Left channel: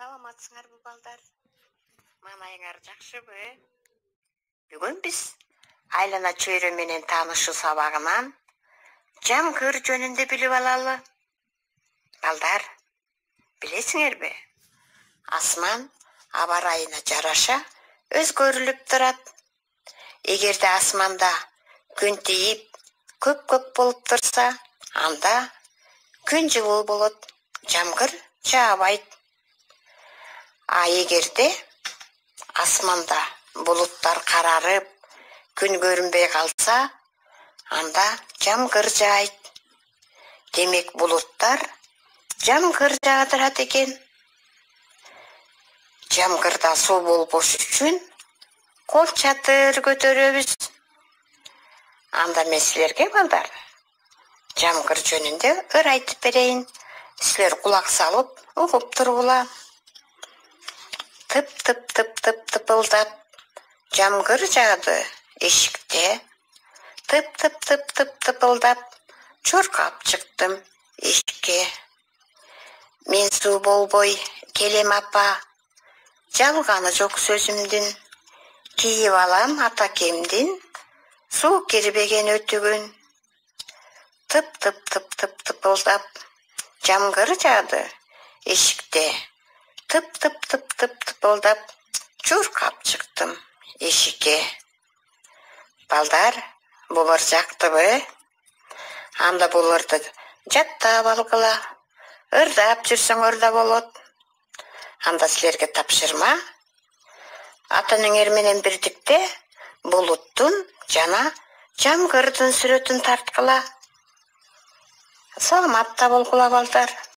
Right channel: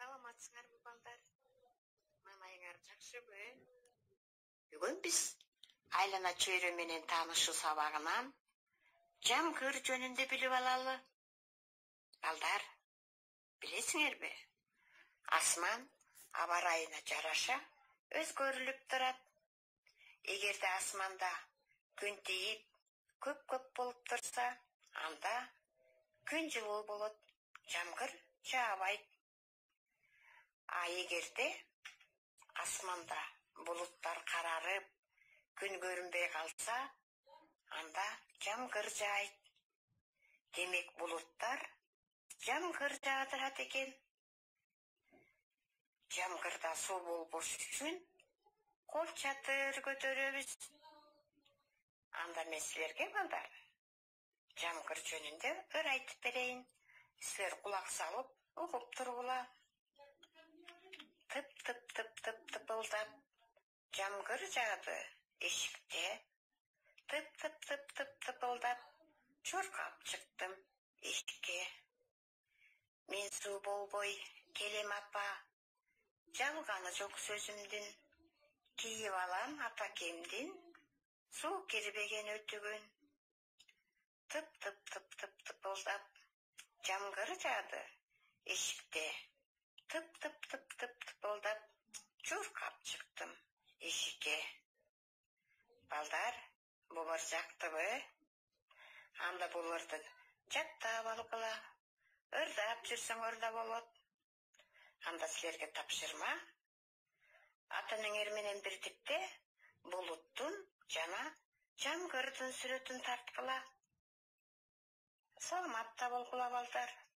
Саламатсыңарбы балдар? Мамайыңар жакшыбы? Бүгүн биз айлана чөйрө менен таанышуу сабагынан жамгыр жөнүндө билип алалы. Балдар, билесиңерби? Асман аба ырайына жараша өзгөрүлүп турат. Эгерде асманда күн тийип, көк болуп турса, анда күн жылуу болот, жамгыр жаабайт. А эгерде асманда булуттар карарып, күн көрүнбөй калса, анда жамгыр жаайт. Демек булуттар жамгыр жаадырат экен. Жамгырда суу болбош үчүн кол чатыр көтөрөбүз. Анда мен силерге балдар жамгыр жөнүндө ыр айтып берейин. Силер кулак салып угуп тургула. Тып-тып-тып-тып-тыпылдап жамгыр жаады эшикте. Тып-тып-тып-тып-тыпылдап чуркап чыктым эшикке. Мен суу болбой келем апа, жалганы жок сөзүмдүн. Кийип алам атакемдин суу кирбеген өтүгүн. Тып-тып-тып-тып-тыпылдап жамгыр жаады эшикте. Тып-тып-тып-тып-тыпылдап чуркап чыктым эшикке. Балдар, бул ыр жактыбы? Анда бул ырды жаттап алгыла. Ырдап жүрсөңөр да болот. Анда силерге тапшырма. Ата энеңер менен бирдикте булуттун жана жамгырдын сүрөтүн тарткыла. Саламатта болгула балдар.